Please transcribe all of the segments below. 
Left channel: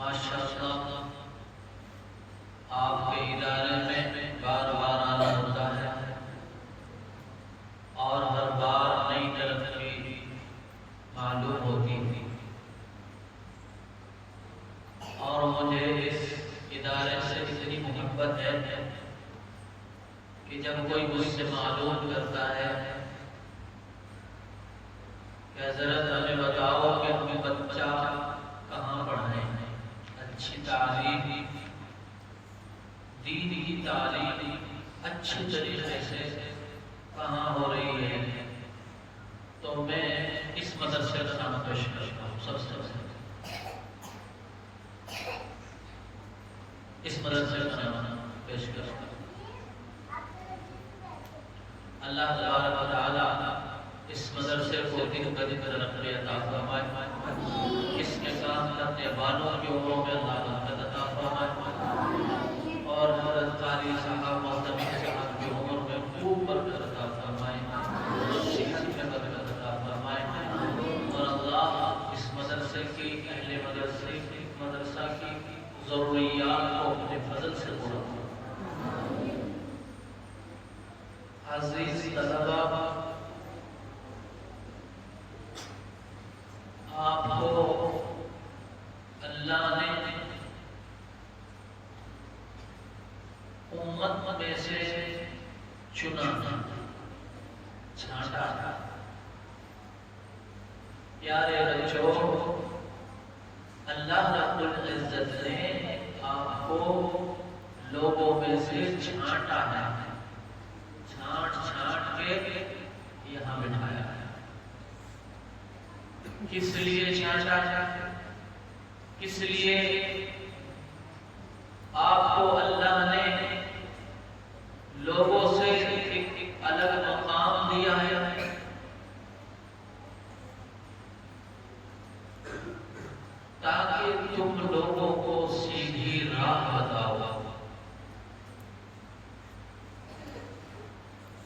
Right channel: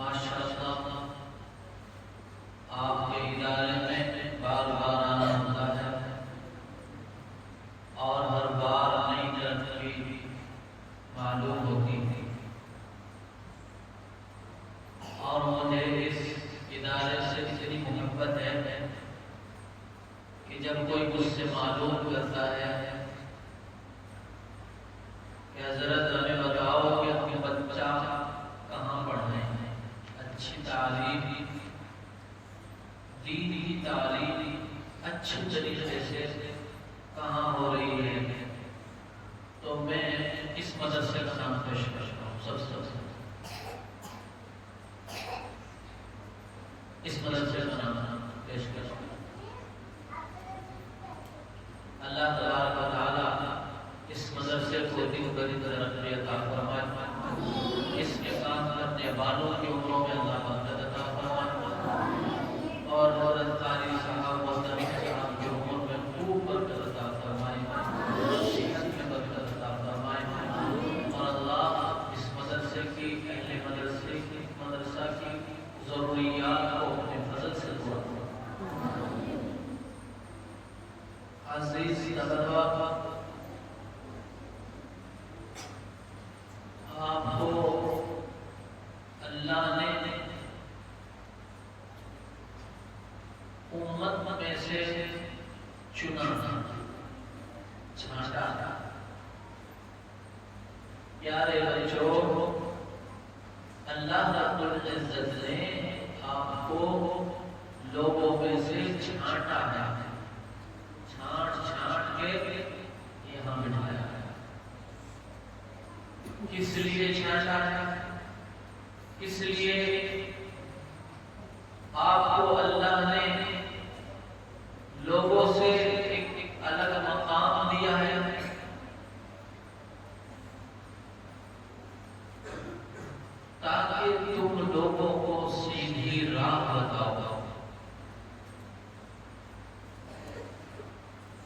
ماشاءاللہ آپ کے ادارے میں بار بار آنا ہوتا ہے اور ہر بار نئی ترقی معلوم ہوتی ہے، اور مجھے اس ادارے سے اتنی محبت ہے کہ جب کوئی مجھ سے معلوم کرتا ہے کہ حضرت ہمیں بتاؤ کہ ہمیں بچہ کہاں پڑھائیں، اچھی تعلیم، دین کی تعلیم اچھی طریقے سے کہاں ہو رہی ہے، تو میں اس مدرسے کا نام پیش کرتا ہوں۔ سب سے پہلے اس مدرسے کا نام پیش کرتا ہوں۔ اللہ تبارک و تعالی اس مدرسے کو دن بدن ترقی عطا فرمائے، اس کے کام کرنے والوں کی عمروں میں اللہ برکت عطا فرمائے، اور حضرت قاری صاحب و سمیع صاحب کی عمر میں خوب برکت عطا فرمائے، صحت میں برکت عطا فرمائے، اور اللہ اس مدرسے کی، اہل مدرسہ کی ضروریات کو اپنے فضل سے پورا فرمائے۔ عزیز طلبہ، آپ کو اللہ نے امت میں سے چنا، چھانٹا۔ پیارے بچوں، اللہ رب العزت نے آپ کو لوگوں میں سے چھانٹا ہے، چھانٹ کے یہاں بٹھایا ہے۔ کس لیے چھانٹا ہے؟ کس لیے آپ کو اللہ نے لوگوں سے ایک الگ مقام دیا ہے؟ تاکہ تم لوگوں کو سیدھی راہ بتاؤ،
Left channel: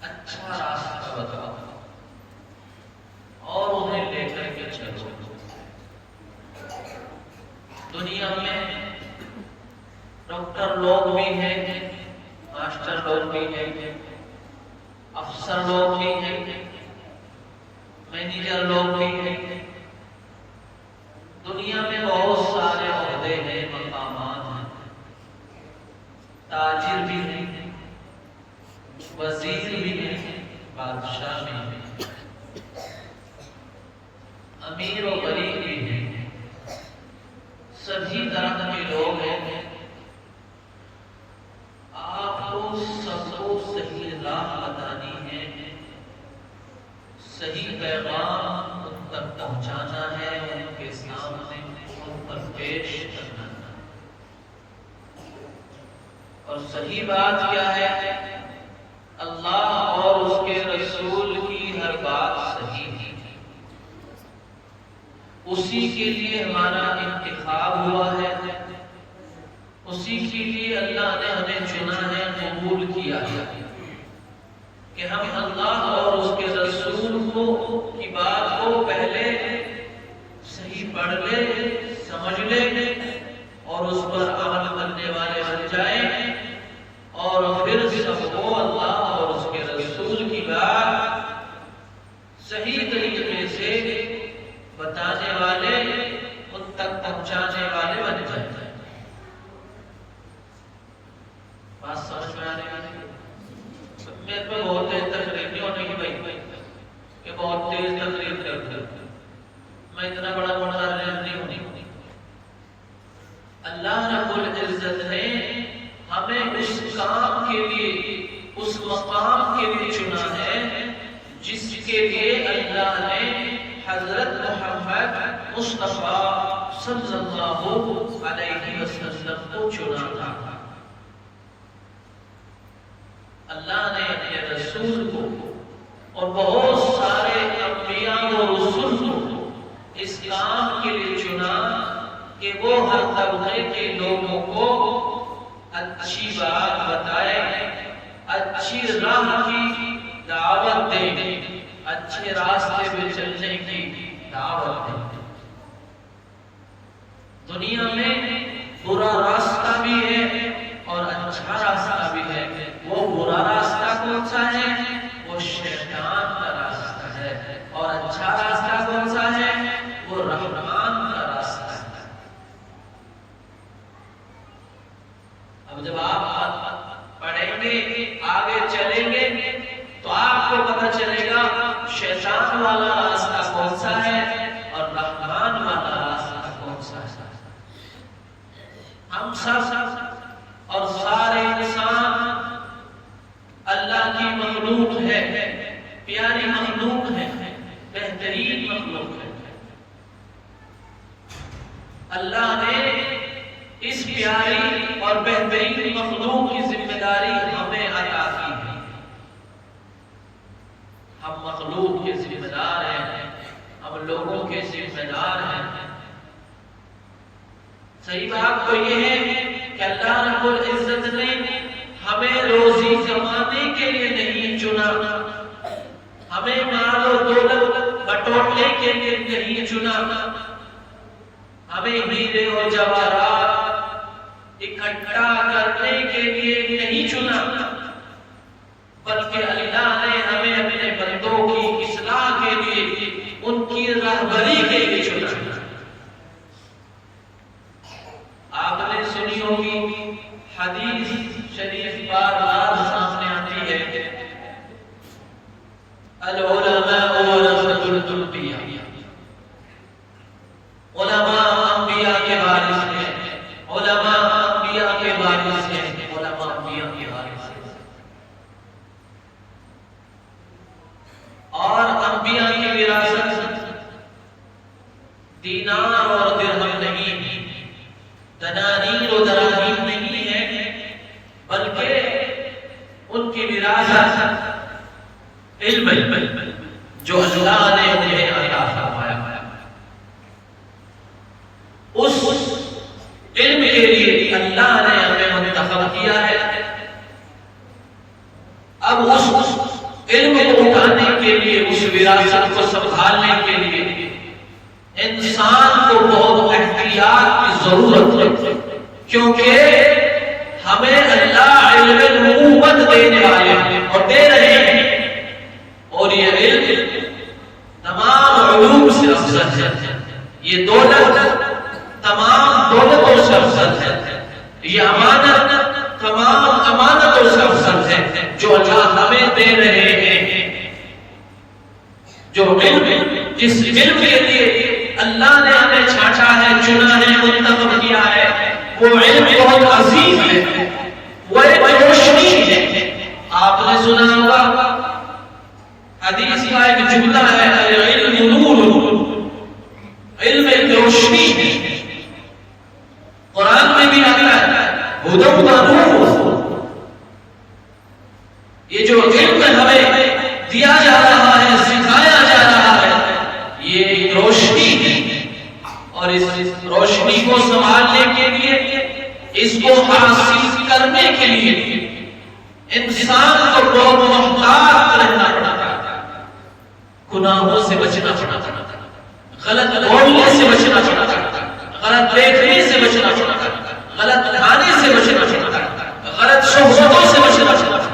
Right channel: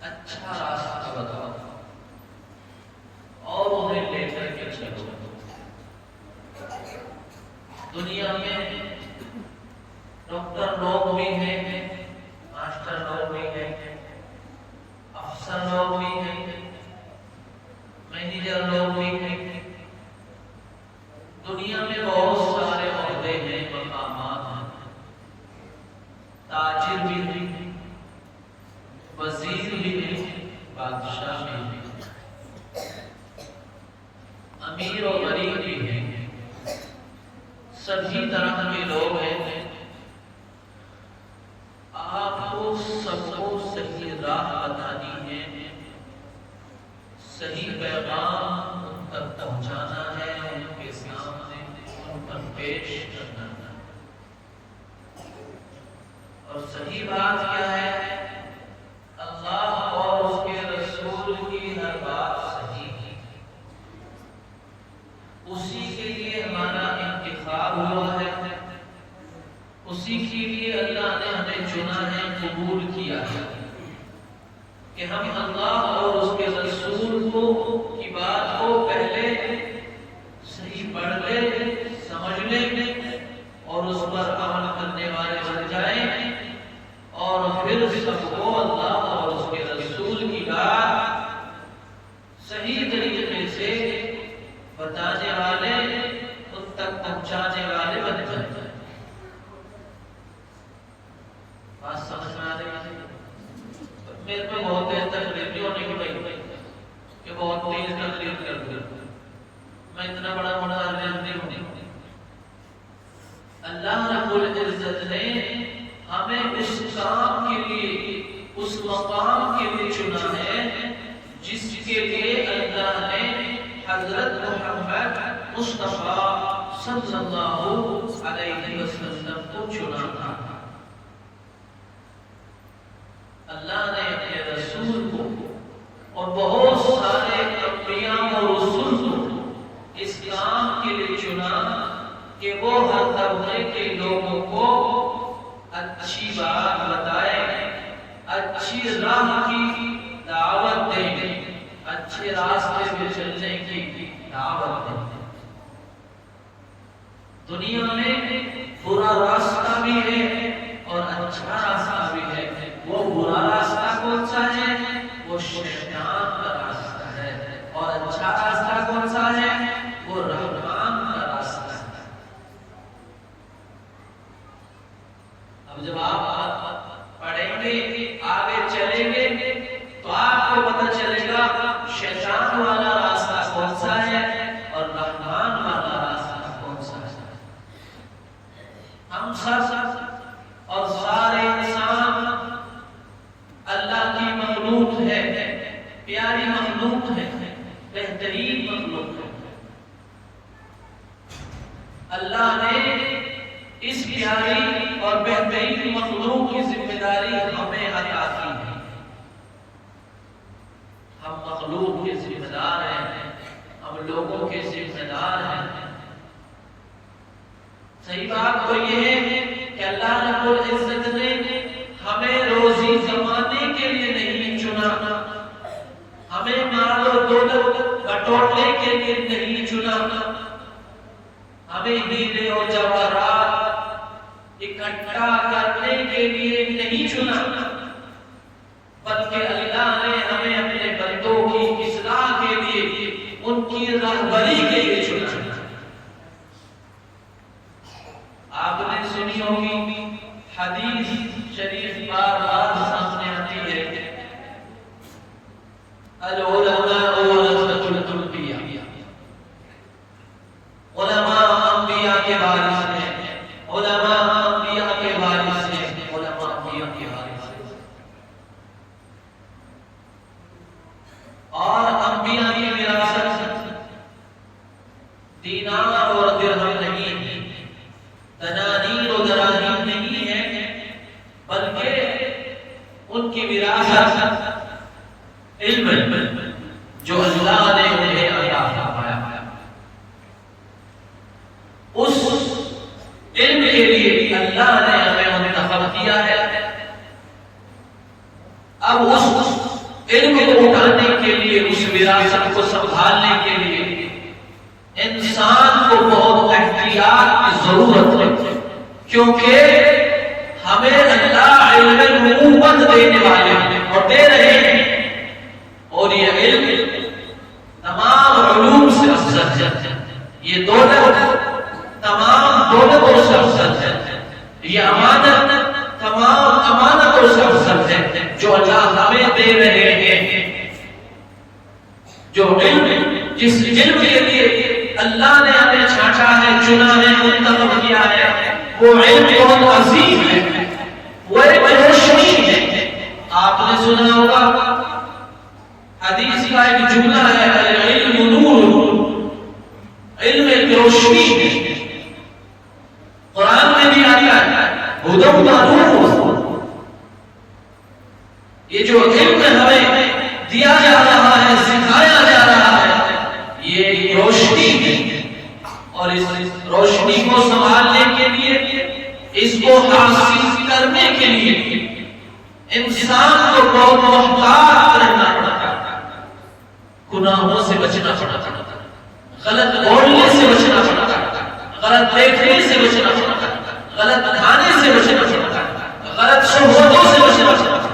اچھا راستہ بتاؤ، اور انہیں لے کر کے چلو۔ دنیا میں ڈاکٹر لوگ بھی ہیں، ماسٹر لوگ بھی ہیں، افسر لوگ بھی ہیں، مینیجر لوگ بھی ہیں، دنیا میں بہت سارے عہدے ہیں، مقامات ہیں، تاجر بھی ہیں، وزیر بھی ہیں، بادشاہ بھی ہیں، امیر و غریب بھی ہیں، سبھی طرح کے لوگ ہیں۔ آپ کو سب کو صحیح راہ بتانی ہے، صحیح پیغام ان تک پہنچانا ہے، ان کے سامنے ان پر پیش کرنا ہے۔ اور صحیح بات کیا ہے؟ اللہ اور اس کے رسول کی ہر بات صحیح ہے، اسی کے لیے ہمارا انتخاب ہوا ہے، اسی کے لیے اللہ نے ہمیں چنا ہے، قبول کیا ہے کہ ہم اللہ اور اس کے رسول کی بات کو پہلے صحیح پڑھ لیں، سمجھ لیں، اور اس پر عمل کرنے والے بن جائیں، اور پھر سب کو اللہ اور اس کے رسول کی بات صحیح طریقے سے بتانے والے، ان تک پہنچانے والے بن جائیں۔ بات سمجھ میں آنے والی ہے؟ میرے پہ بہت تیز تقریر نہیں ہونے کی بھائی کہ بہت تیز تقریر کر دوں، میں اتنا بڑا متعلم نہیں ہوں۔ اللہ رب العزت نے ہمیں اس کام کے لیے، اس مقام کے لیے چنا ہے جس کے لیے اللہ نے حضرت محمد مصطفیٰ صلی اللہ علیہ وسلم کو چنا تھا۔ اللہ نے اپنے رسول کو اور بہت سارے انبیاء و رسول کو اس کام کے لیے چنا کہ وہ ہر طبقے کے لوگوں کو اچھی بات بتائے، اچھی راہ کی دعوت دیں، اچھے راستے پہ چلنے کی دعوت دیں۔ دنیا میں برا راستہ بھی ہے اور اچھا راستہ بھی ہے. وہ برا راستہ کون سا ہے؟ وہ شیطان کا راستہ ہے. اور اچھا راستہ کون سا ہے؟ وہ رحمان کا راستہ ہے. اب جب آپ پڑھیں گے آگے چلیں گے تو آپ کو پتہ چلے گا شیطان والا راستہ کون سا ہے اور رحمان والا راستہ کون سا ہے. ہم سب اور سارے انسان اللہ کی مخلوق ہے، پیاری مخلوق ہے، بہترین مخلوق ہے. اللہ نے اس پیاری اور بہترین مخلوق کی ذمہ داری ہمیں عطا کی ہے. ہم مخلوق کے ذمہ دار ہیں، ہم لوگوں کے ذمہ دار ہیں. صحیح بات تو یہ ہے کہ اللہ رب العزت نے ہمیں روزی کمانے کے لیے نہیں چنا، ہمیں مال و دولت بٹورنے کے لیے نہیں چنا، ہمیں ہیرے اور جواہرات اکٹھا کرنے کے لیے نہیں چنا، بلکہ اللہ نے ہمیں اپنے بندوں کی اصلاح کے لیے، ان کی رہبری کے لیے چنا. آپ نے سنی ہوگی حدیث شریف بار بار سامنے آتی ہے، العلماء ورثۃ الانبیاء. علماء انبیاء کے وارث ہیں، علماء انبیاء کے وارث ہیں، علماء انبیاء کے وارث ہیں. اور انبیاء کی وراثت دینار اور درہم نہیں، دنانیر و دراہیم نہیں ہے، بلکہ ان کی وراثت علم جو اللہ نے انہیں عطا فرمایا. اس علم کے لیے اللہ نے ہمیں منتخب کیا ہے. اب اس علم کو اٹھانے کے لیے، اس وراثت کو سنبھالنے کے لیے انسان کو بہت احتیاط کی ضرورت ہے، کیونکہ ہمیں اللہ علم نبوت دینے والے ہیں اور دے رہے ہیں، اور یہ علم تمام علوم سے افضل ہے. یہ دولت تمام دولتوں سے افضل ہے. یہ امانت تمام امانتوں سے افضل ہے جو اللہ ہمیں دے رہے ہیں. جو علم، جس علم کے لیے اللہ نے ہمیں چھانٹا ہے، چنا ہے، منتخب کیا ہے، وہ علم بہت عظیم ہے، وہ ایک روشنی ہے. آپ نے سنا ہوگا حدیث کا ایک جملہ ہے، العلم نور، علم ایک روشنی ہے. قرآن میں بھی آتا ہے ہدی و نور. یہ جو علم ہمیں دیا جا رہا ہے، سکھایا جا رہا ہے، یہ ایک روشنی ہے. اور اس روشنی کو سنبھالنے کے لیے، اس کو حاصل کرنے کے لیے انسان کو بہت محتاط رہنا پڑتا ہے. گناہوں سے بچنا پڑتا ہے، غلط بولنے سے بچنا پڑتا ہے، غلط دیکھنے سے بچنا پڑتا ہے، غلط کھانے سے بچنا پڑتا ہے، غلط صحبتوں سے بچنا پڑتا ہے،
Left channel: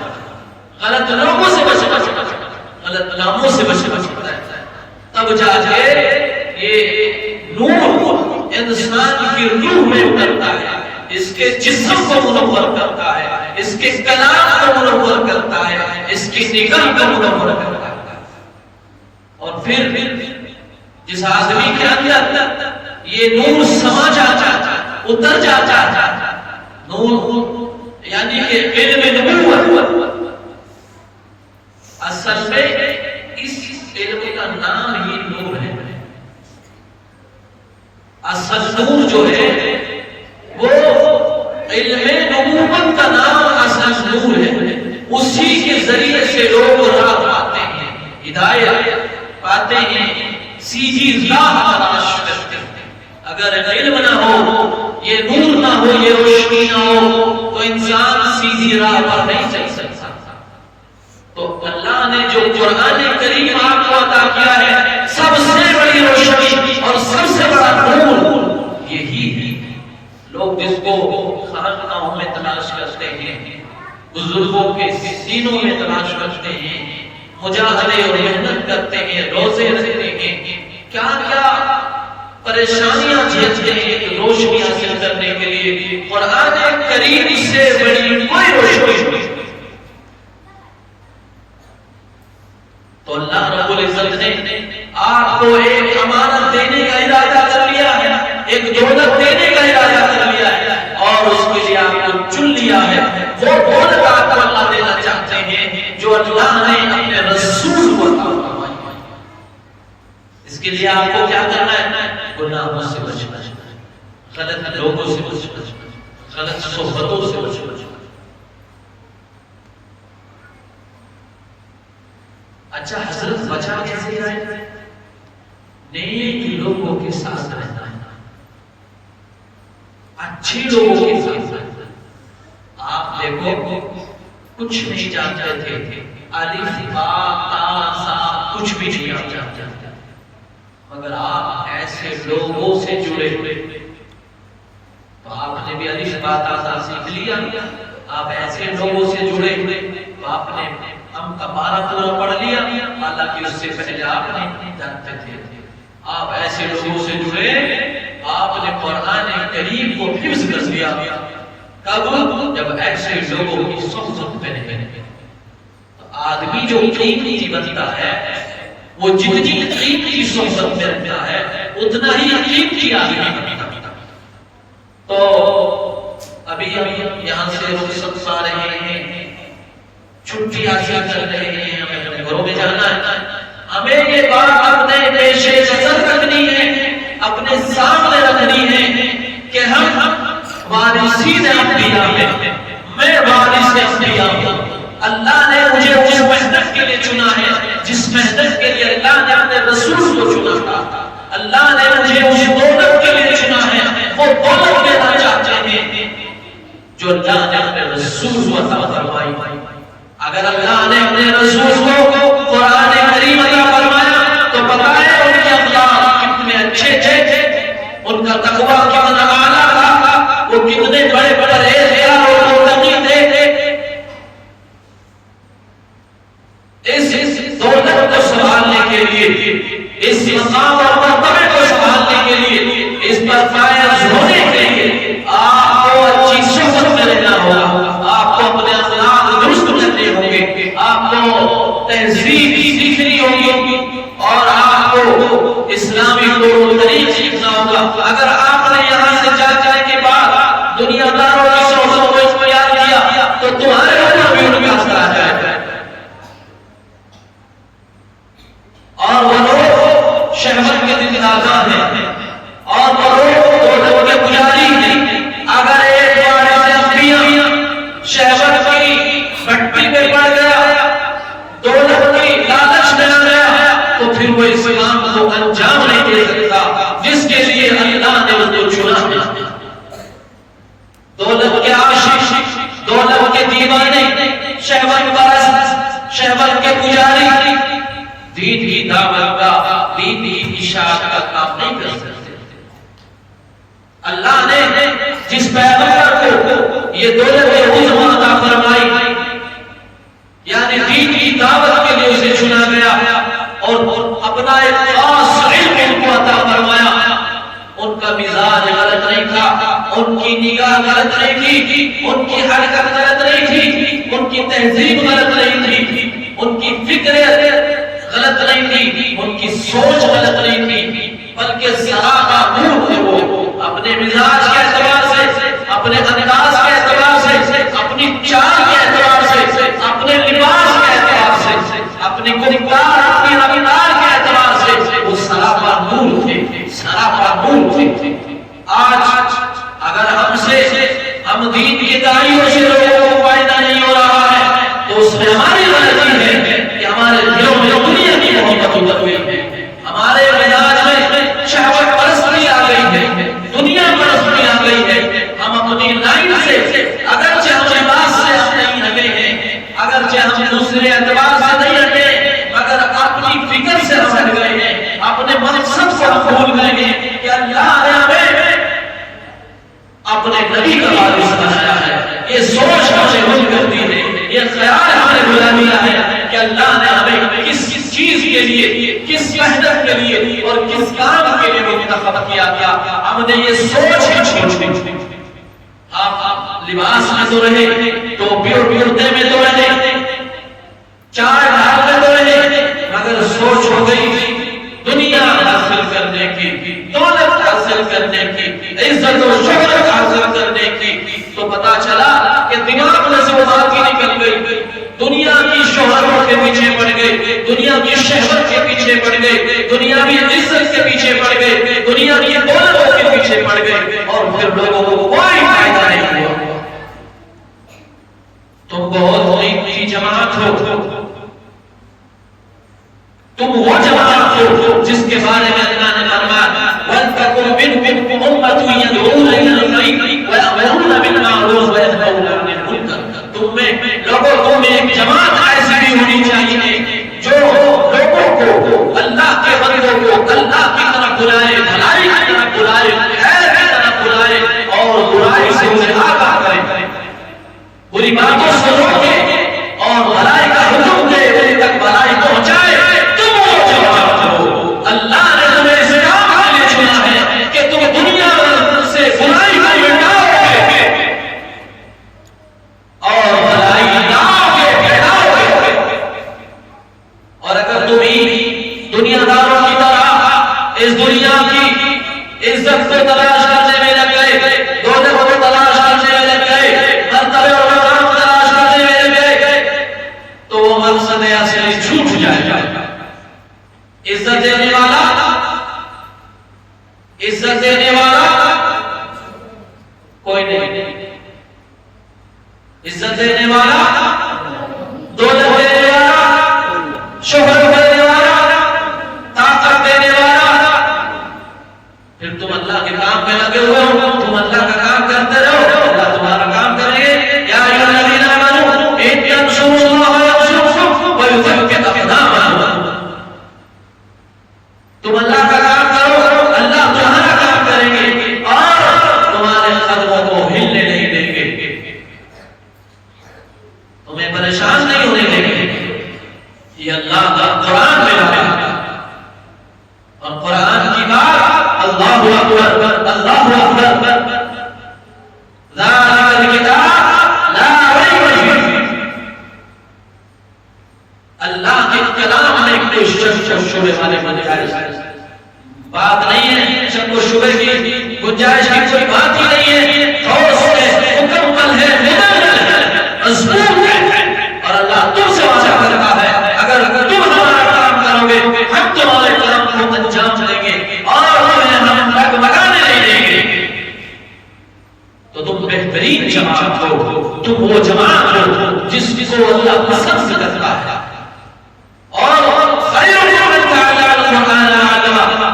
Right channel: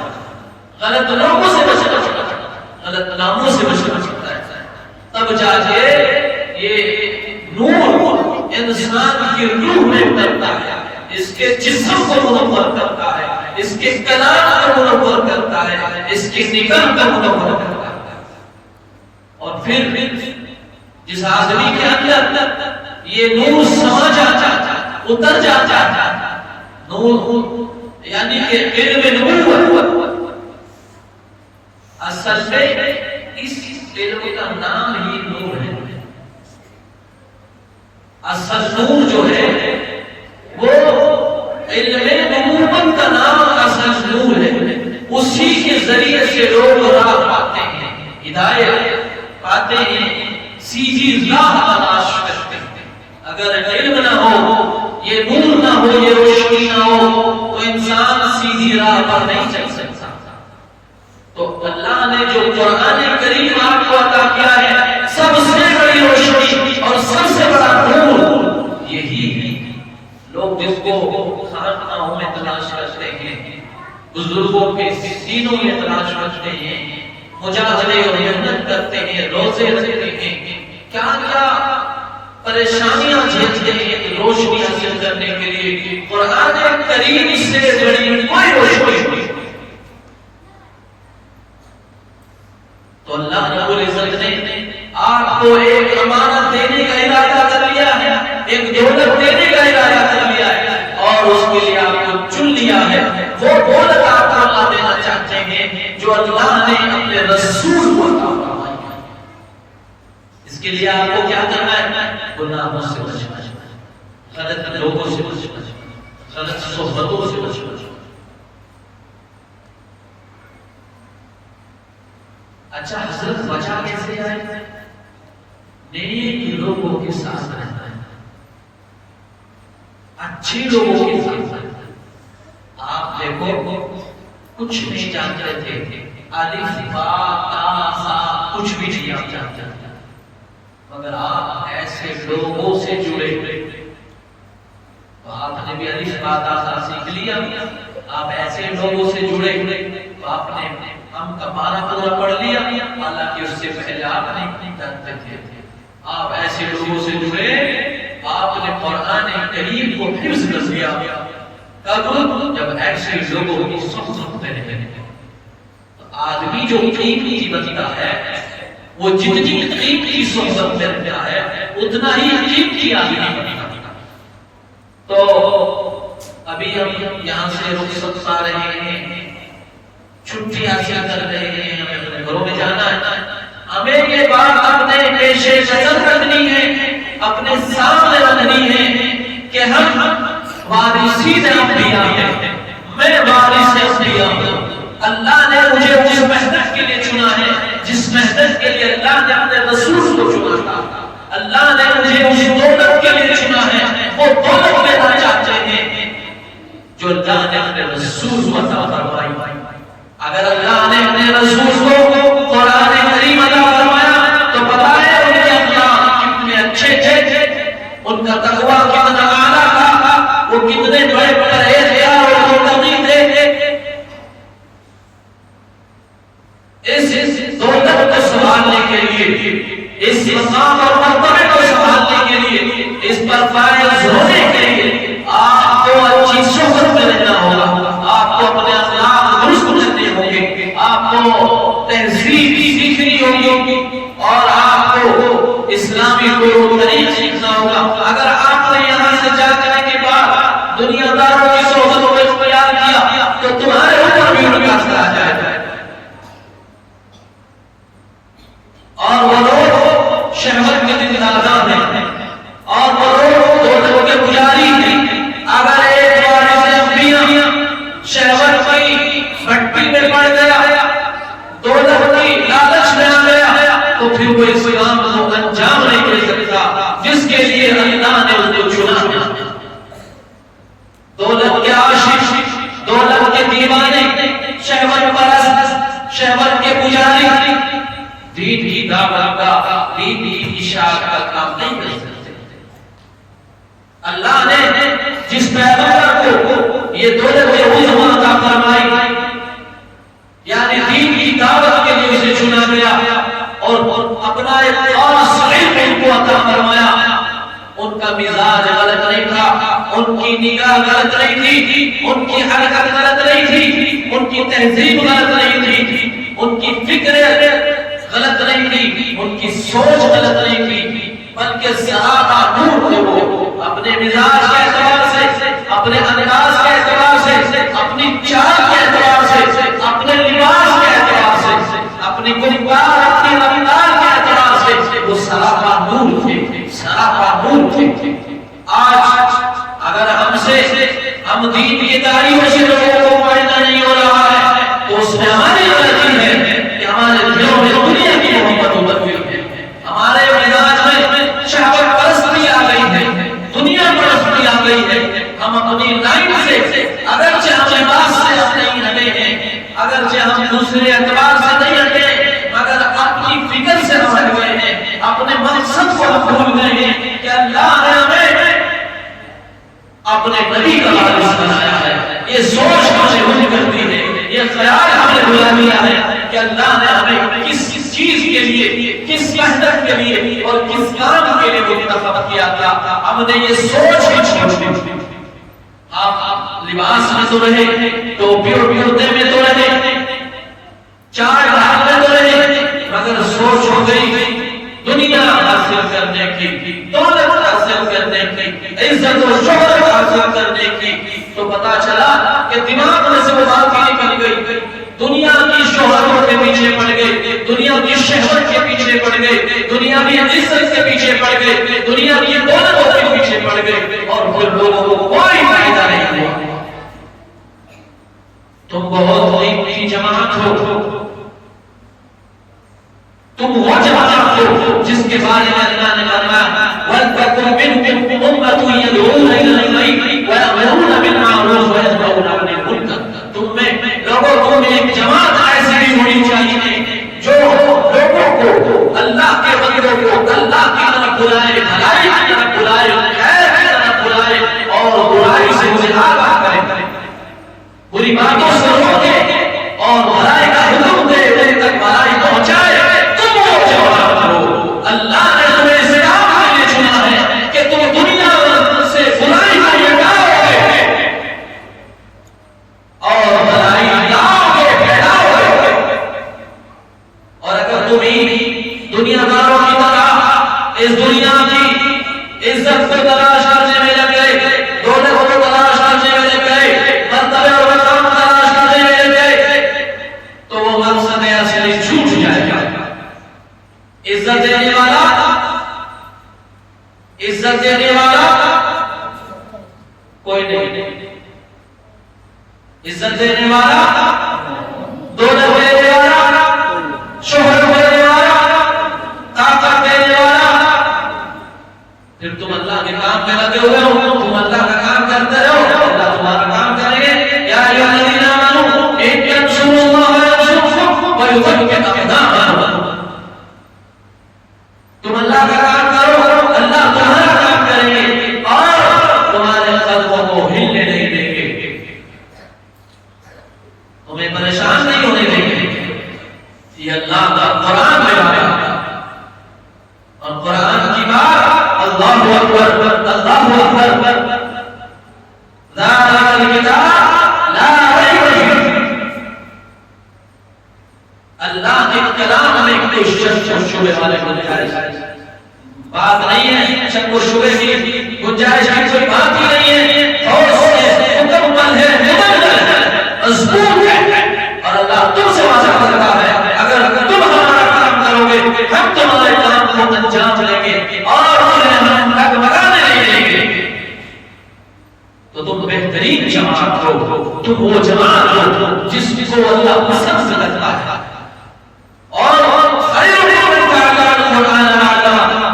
غلط لوگوں سے بچنا پڑتا ہے، غلط ناموں سے بچنا پڑتا ہے. تب جا کے یہ نور انسان کی روح میں اترتا ہے، اس کے جسم کو منور کرتا ہے، اس کے کلام کو منور کرتا ہے، اس کی نگاہ کو منور کرتا ہے. اور پھر جس آدمی کے اندر یہ نور سما جاتا ہے، اتر جاتا ہے، نور یعنی کہ علم نبوت، اصل میں اس علم کا نام ہی نور ہے. اصل نور جو ہے وہ علم نبوت کا نام اصل نور ہے. اسی کے ذریعے سے لوگ راہ پاتے ہیں، ہدایت پاتے ہیں، سیدھی راہ تلاش کرتے ہیں. اگر علم نہ ہو، یہ نور نہ ہو، یہ روشنی نہ ہو، تو انسان سیدھی راہ پر نہیں چل سکتا. تو اللہ نے جو قرآن کریم آپ کو عطا کیا ہے، سب سے بڑی روشنی اور سب سے بڑا نور یہی ہے. خانقاہوں میں تلاش کرتے ہیں، بزرگوں کے سینوں میں تلاش کرتے ہیں، مجاہدے اور محنت کرتے ہیں، روزے رکھتے ہیں، کیا کیا پریشانیاں جھیلتے ہیں ایک روشنی حاصل کرنے کے لیے۔ قرآن کریم سے بڑی کوئی روشنی نہیں۔ تو اللہ رب العزت نے آپ کو ایک امانت دینے کا ارادہ کر لیا ہے، ایک دولت دینے کا ارادہ کر لیا ہے، اور اس کے لیے آپ کو چن لیا ہے۔ وہ دولت آپ کو اللہ دینا چاہتے ہیں جو اللہ نے اپنے رسول کو عطا فرمائی ہے۔ اس کے لیے آپ کو کیا کرنا ہے؟ گناہوں سے بچنا، غلط لوگوں سے بچنا، غلط صحبتوں سے بچنا۔ اچھا حضرت بچا کیسے جائے؟ نیک لوگوں کے ساتھ رہنا ہے، اچھے لوگوں کے ساتھ رہنا ہے۔ آپ دیکھو کچھ نہیں جانتے تھے، الف با تا سا کچھ بھی نہیں جانتے، مگر آپ ایسے لوگوں سے جڑے تو آپ نے بھی الف با تا سا سیکھ لیا۔ آپ ایسے لوگوں سے جڑے تو آپ نے ہم کا پارا پورا پڑھ لیا، حالانکہ اس سے پہلے آپ نہیں جانتے تھے۔ آپ ایسے لوگوں سے جڑے، آپ نے قرآن کریم کو حفظ کر لیا۔ کب؟ جب ایسے لوگوں کی صحبت میں رہے۔ آدمی جو قیمتی بنتا ہے، وہ جتنی قیمتی صحبت میں رہتا ہے اتنا ہی قیمتی آدمی بنتا ہے۔ تو ابھی ہم یہاں سے رخصت پا رہے ہیں، چھٹی حاصل کر رہے ہیں، ہمیں اپنے گھروں میں جانا ہے۔ ہمیں یہ بات اپنے پیش نظر رکھنی ہے، اپنے سامنے رکھنی ہے کہ ہم وارثین انبیاء ہیں، میں وارث انبیاء ہوں۔ اللہ نے مجھے اس محنت کے لیے چنا ہے جس محنت کے لیے اللہ نے اپنے رسول کو چنا تھا۔ اللہ نے مجھے اس دولت کے لیے چنا ہے، وہ دولت لینا چاہتے ہیں جو اللہ نے اپنے رسول کو عطا فرمائی۔ اگر اللہ نے اپنے رسول کو قرآن کریم عطا فرمایا تو بتایا ان کے اخلاق کتنے اچھے تھے، ان کا تقویٰ کتنا اعلیٰ تھا، وہ کتنے بڑے پرہیزگار اور متقی تھے۔ اس دولت کو سنبھالنے کے لیے، اس مقام اور مرتبے کو سنبھالنے کے لیے، اس پر فائز ہونے کے لیے آپ کو اچھی صحبت میں رہنا ہوگا، آپ کو اپنے اخلاق درست کرنے ہوں گے، آپ کو تہذیب سیکھنی ہوگی، اور آپ کو اسلامی طور طریق سیکھنا ہوگا۔ اگر آپ نے یہاں سے جانے کے بعد دنیا داروں کی صحبت کو اختیار کیا تو تمہارے اوپر بھی ان کا اثر آ جائے گا۔ اور وہ لوگ شہوت کے دل آزاد ہیں، اور وہ لوگ دولت کے پجاری ہیں۔ اگر ایک وارث انبیاء شہوت کی بھٹی میں پڑ گیا، دولت کی لالچ میں آ گیا، تو پھر وہ اسلام کو انجام نہیں دے سکتا جس کے لیے اللہ نے اس کو چنا ہے۔ دولت کے عاشق، دولت کے دیوانے، شہوت پرست، شہوت کے پجاری دین کی دعوت کا، دین کی اشاعت کا کام نہیں کر سکتے۔ اللہ نے جس پیغمبر کو یہ دولت عظمی عطا فرمائی، یعنی دین کی دعوت کے لیے اسے چنا گیا اور اپنا ایک خاص علم کو عطا فرمایا، ان کا مزاج غلط نہیں تھا، ان کی نگاہ غلط نہیں تھی، ان کی حرکت غلط نہیں تھی، ان کی تہذیب غلط نہیں تھی، ان کی فکر غلط نہیں تھی، ان کی سوچ غلط نہیں تھی، بلکہ سراپا نور تھے۔ وہ اپنے مزاج کے اعتبار سے، اپنے انداز کے اعتبار سے، اپنی چال کے اعتبار سے، اپنے لباس کے اعتبار سے، اپنی گفتار، اپنی رفتار کے اعتبار سے وہ سراپا نور تھے، سراپا نور تھے۔ آج اگر ہم دین کی داعیوں سے لوگوں کو فائدہ نہیں ہو رہا ہے تو اس میں ہماری غلطی ہے کہ ہمارے دلوں میں دنیا کی محبت اتر گئی ہے، ہمارے مزاج میں شہوت پرستی آ گئی ہے، دنیا پرستی آ گئی ہے۔ ہم اپنی لائن سے اگرچہ ہم لباس سے ہم نہیں ہٹے ہیں، اگرچہ ہم دوسرے اعتبار سے نہیں ہٹے، مگر اپنی فکر سے ہم ہٹ گئے ہیں، اپنے مقصد کو ہم بھول گئے ہیں کہ اللہ نے ہمیں اپنے نبی کا وارث بنایا ہے. یہ سوچ ہمیں بن کرتی ہے، یہ خیال ہمیں بلا دیا ہے کہ اللہ نے ہمیں کس چیز کے لیے، کس محنت کے لیے اور کس کام کے لیے منتخب کیا تھا. ہم نے یہ سوچ ہی چھوڑ دی. آپ لباس میں تو رہے، ٹوپی اور کرتے میں تو رہے، چار ڈھال میں تو رہے، مگر سوچ ہو گئی دنیا حاصل کرنے کی، دولت حاصل کرنے کی، عزت و شہرت حاصل کرنے کی. تو پتا چلا کہ دماغ میں سے وہ بات ہی نکل گئی. دنیا کی شہرتوں کے پیچھے پڑ گئے، دنیا کی شہوت کے پیچھے پڑ گئے، دنیا کی عزت کے پیچھے پڑ گئے، دنیا کی دولتوں کے پیچھے پڑ گئے، اور پھر لوگوں کو کوئی فائدہ نہیں ہوا. تم بہت قیمتی جماعت ہو، تم وہ جماعت ہو جس کے بارے میں اللہ نے فرمایا وَلْتَكُنْ مِنْكُمْ أُمَّةٌ يَدْعُونَ إِلَى الْخَيْرِ وَيَأْمُرُونَ بِالْمَعْرُوفِ وَيَنْهَوْنَ عَنِ الْمُنكَرِ. تم میں لوگوں میں ایک جماعت ایسی بھی ہونی چاہیے جو لوگوں کو، اللہ کے بندوں کو اللہ کی طرف بلائے، بھلائی کی طرف بلائے، خیر کی طرف بلائے اور برائی سے انہیں آگاہ کرے، بری باتوں سے روکے اور بھلائی کا حکم دے، ان تک بھلائی پہنچائے. اللہ نے تمہیں اس کام کے لیے چنا ہے کہ تم دنیا سے برائی کو مٹاؤ گے اور بھلائی لاؤ گے، پھیلاؤ گے. اور اگر تم ہی دنیا داروں کی طرح اس دنیا کی عزت کو تلاش کرنے میں لگ گئے، دولت کو تلاش کرنے میں لگ گئے، مرتبے اور مقام تلاش کرنے میں لگ گئے، تو وہ مقصد اصلی چھوٹ جائے گا. عزت دینے والا، عزت دینے والا کوئی نہیں، عزت دینے والا، دولت دینے والا، شہرت دینے والا، طاقت دینے والا. پھر تم اللہ کے کام پہ لگے ہوئے ہو، تم اللہ کا کام کرتے رہو، اللہ تمہارا کام کرے. یا ایھا الذین آمنوا ان تنصروا اللہ ینصرکم ویثبت اقدامکم. تم اللہ کا کام کرو، اللہ تمہارا کام کریں گے اور تمہارے قدموں کو ہلنے نہیں دیں گے، تمہیں پریشان نہیں ہونے دیں گے. یہ اللہ کا قرآن ہے اور قرآن کی بات اللہ اکبر، اللہ اکبر. ذالک الکتاب لا ریب فیہ. اللہ کے کلام میں کوئی شک و شبہ والے بات نہیں ہے، شک و شبہ کی گنجائش کی کوئی بات ہی نہیں ہے. مکمل ہے، مضبوط ہے. اور اللہ تم سے وعدہ کرتا ہے اگر تم ہمارا کام کرو گے ہم تمہارے کام کو انجام دیں گے اور ہم ڈگمگانے نہیں دیں گے. تو تم بہترین جماعت ہو، تم وہ جماعت ہو جس کو اللہ پسند کرتا ہے. اور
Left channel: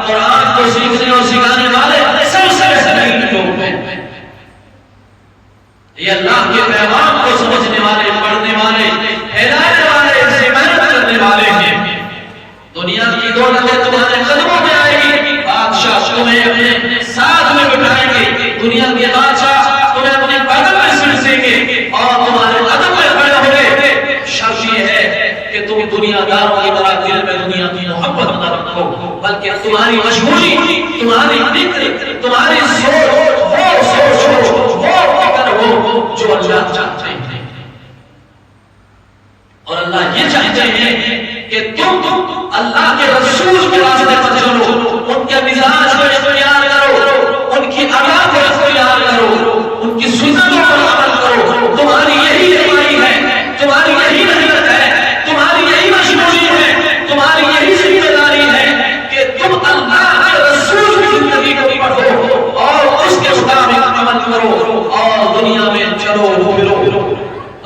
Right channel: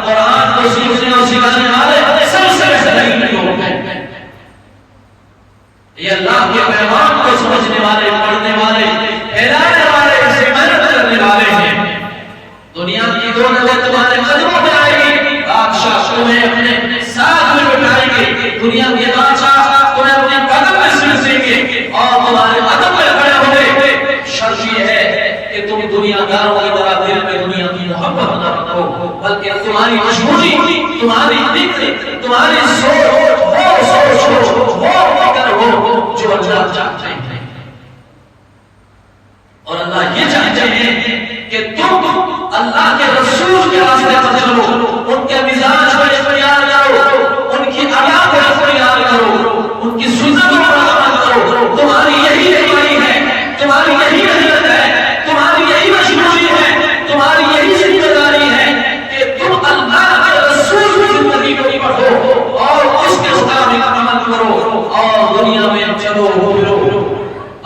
قرآن کو سیکھنے اور سکھانے والے سب سے بہترین لوگ ہیں. یہ اللہ کے پیغام کو سمجھنے والے، پڑھنے والے، پھیلانے والے، اسے محنت کرنے والے ہیں. دنیا کی دولت تمہارے قدموں میں آئے گی، بادشاہ تمہیں اپنے ساتھ میں بٹھائیں گے، دنیا کے بادشاہ تمہیں اپنے قدم میں سرسیں گے اور تمہارے قدم میں کھڑے ہوں گے. شرط یہ ہے کہ تم دنیا داروں کی طرح دل میں دنیا کی محبت نہ رکھو، بلکہ تمہاری مشغولی، تمہاری فکر، تمہاری سوچ وہ سوچ ہو، وہ فکر ہو جو اللہ چاہتے ہیں. اور اللہ یہ چاہتے ہیں کہ تم اللہ کے رسول کے راستے پر چلو، ان کے مزاج کو اختیار کرو، ان کی ادا کو اختیار کرو، ان کی سنتوں پر عمل کرو. تمہاری یہی رہنمائی ہے، تمہاری یہی رحمت ہے، تمہاری یہی مشغولی ہے، تمہاری یہی ذمہ داری ہے کہ تم اللہ کے رسول کی زندگی کو پڑھو اور اس کے مطابق عمل کرو اور دنیا میں چلو پھرو.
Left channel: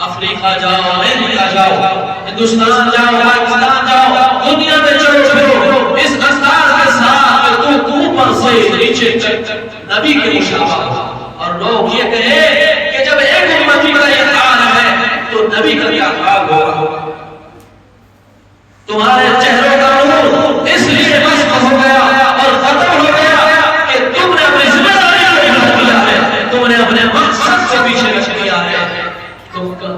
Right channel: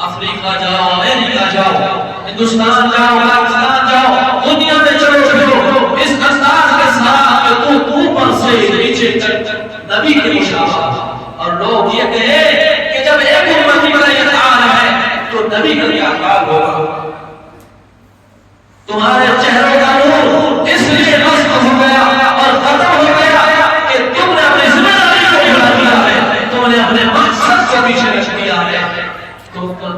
افریقہ جاؤ، امریکہ جاؤ، ہندوستان جاؤ، پاکستان جاؤ، دنیا میں چلو پھرو اس انداز کے ساتھ تو اوپر سے نیچے تک نبی کے مشابہ. اور لوگ یہ کہیں کہ جب ایک امتی کا یہ حال ہے تو نبی کا کیا حال ہوگا. تمہارے چہروں کا نور اس لیے مست ہو گیا اور ختم ہو گیا کہ تم نے اپنی ذمہ داری کو بھلا دیا ہے، تم نے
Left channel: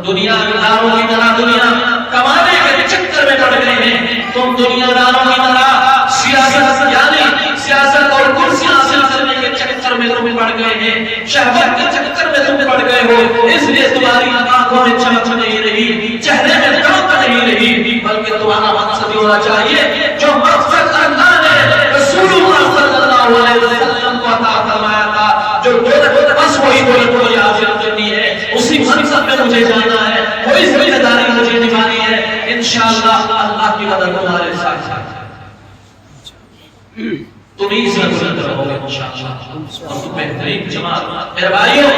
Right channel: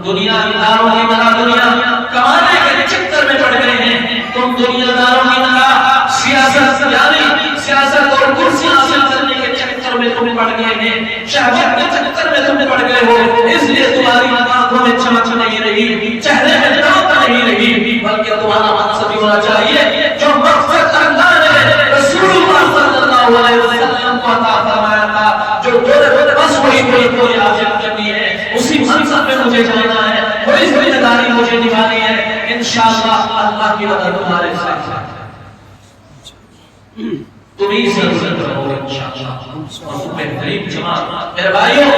دنیا داروں کی طرح دنیا کمانے کے چکر میں پڑ گئے ہیں، تم دنیا داروں کی طرح سیاست یعنی سیاست اور کرسیاں حاصل کرنے کے چکر میں تم پڑ گئے ہیں، شہوت کے چکر میں تم پڑ گئے ہو، اس لیے تمہاری آنکھوں میں چمک نہیں رہی، چہرے میں رونق نہیں رہی، بلکہ تمہارا مقصد ہونا چاہیے جو مقصد اللہ نے رسول اللہ صلی اللہ علیہ وسلم کو عطا فرمایا تھا، جو بس وہی کوئی حاصل کرنی ہے، اسی منصب میں مجھے جانا ہے، وہی ذمہ داری مجھے نبھانی ہے، انشاءاللہ اللہ کی مدد تمہارے ساتھ ہے، تم ہی سے بلند رہو گے انشاءاللہ، اور تم بہترین جماعت میرے بھائیوں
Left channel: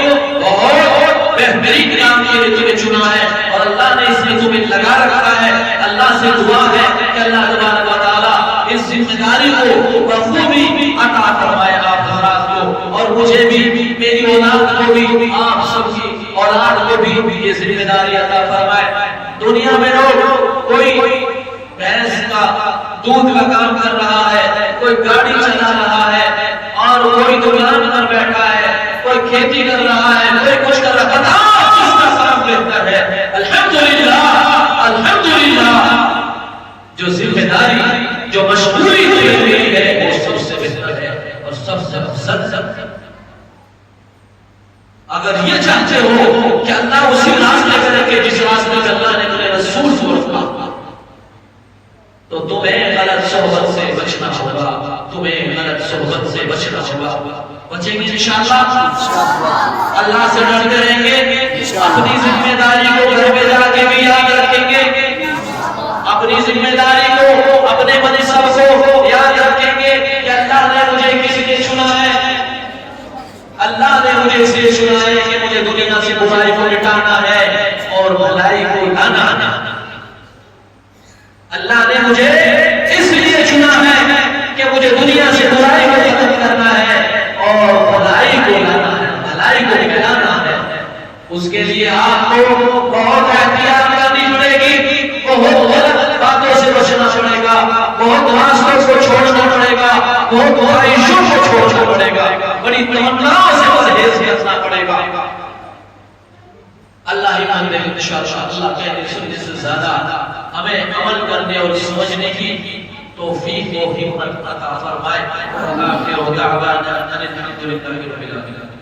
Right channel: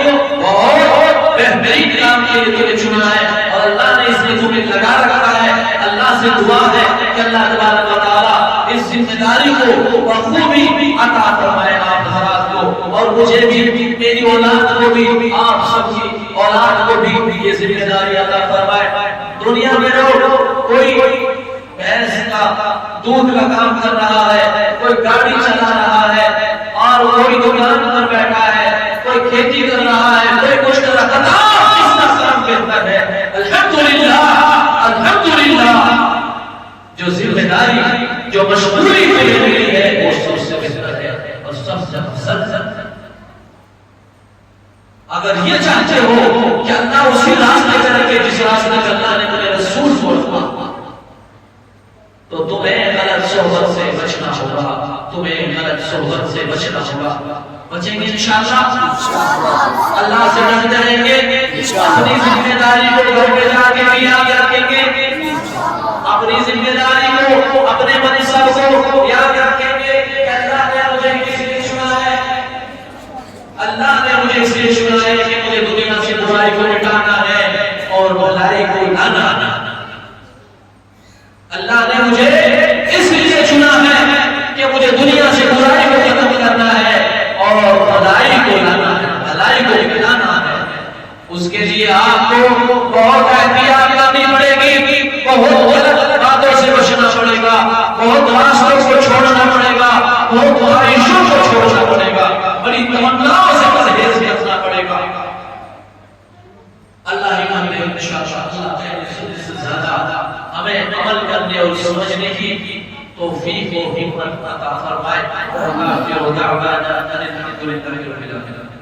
بہت بہترین کام کے لیے تمہیں چنا ہے، اور اللہ نے اس میں تمہیں لگا رکھا ہے، اللہ سے دعا ہے کہ اللہ تبارک و تعالیٰ اس ذمہ داری کو بخوبی عطا فرمائے آپ حضرات کو، اور مجھے بھی، میری اولاد کو بھی، آپ سب کی اولاد کو بھی یہ ذمہ داری عطا فرمائے۔ دنیا میں لوگ کوئی بھینس کا دودھ کا کام کر رہا ہے، کوئی گاڑی چلا رہا ہے، اور کوئی دکان پر بیٹھا ہے، کوئی کھیتی کر رہا ہے، کوئی کچھ کر رہا ہے، پتہ کس کا کام بہتر ہے؟ الحمدللہ الحمدللہ، جو ذمہ داری جو مشغولی ہوئی ہے وہ سب سے بہتر ہے اور سب سے افضل ہے۔ اگر یہ چاہتے ہو کہ اللہ اسی راستے پہ رکھے جس راستے پہ اللہ نے اپنے رسول کو رکھا، تو تمہیں غلط صحبت سے بچنا ہوگا، تمہیں غلط صحبت سے بچنا ہوگا۔ بچیں گے انشاءاللہ، اللہ سے ڈرتے رہیں گے، اپنی ذمہ داری کو گھر میں جا کے بھی یاد رکھیں گے، اپنی ذمہ داری کو، اپنے منصب کو یاد رکھیں گے کہ اللہ نے مجھے کس لیے چنا ہے، اللہ نے مجھے اس لیے چنا ہے کہ مجھے دنیا سے برائی کو مٹانا ہے اور بھلائی کو لانا ہے، اللہ نے مجھے اس لیے چنا ہے کہ مجھے دنیا سے برائی کو ختم کرنا ہے اور بھلائی کو لانا ہے، بھلائی کو مٹانا ہے۔ اس کے لیے آپ کو بہت احتیاط کرنی پڑے گی، بہت غلط باتوں سے بچنا پڑے گا، بہت راستوں کو چھوڑنا پڑے گا، بہت خواہشوں کو چھوڑنا پڑے گا، بڑی تمناؤں سے پرہیز کرنا پڑے گا۔ اللہ یاد ہے انشاءاللہ، اللہ کہنے سننے سے زیادہ ہمیں عمل کرنے اور سمجھنے کی توفیق و ہمت عطا فرمائے۔ وآخر دعوانا ان الحمد للہ رب العالمین۔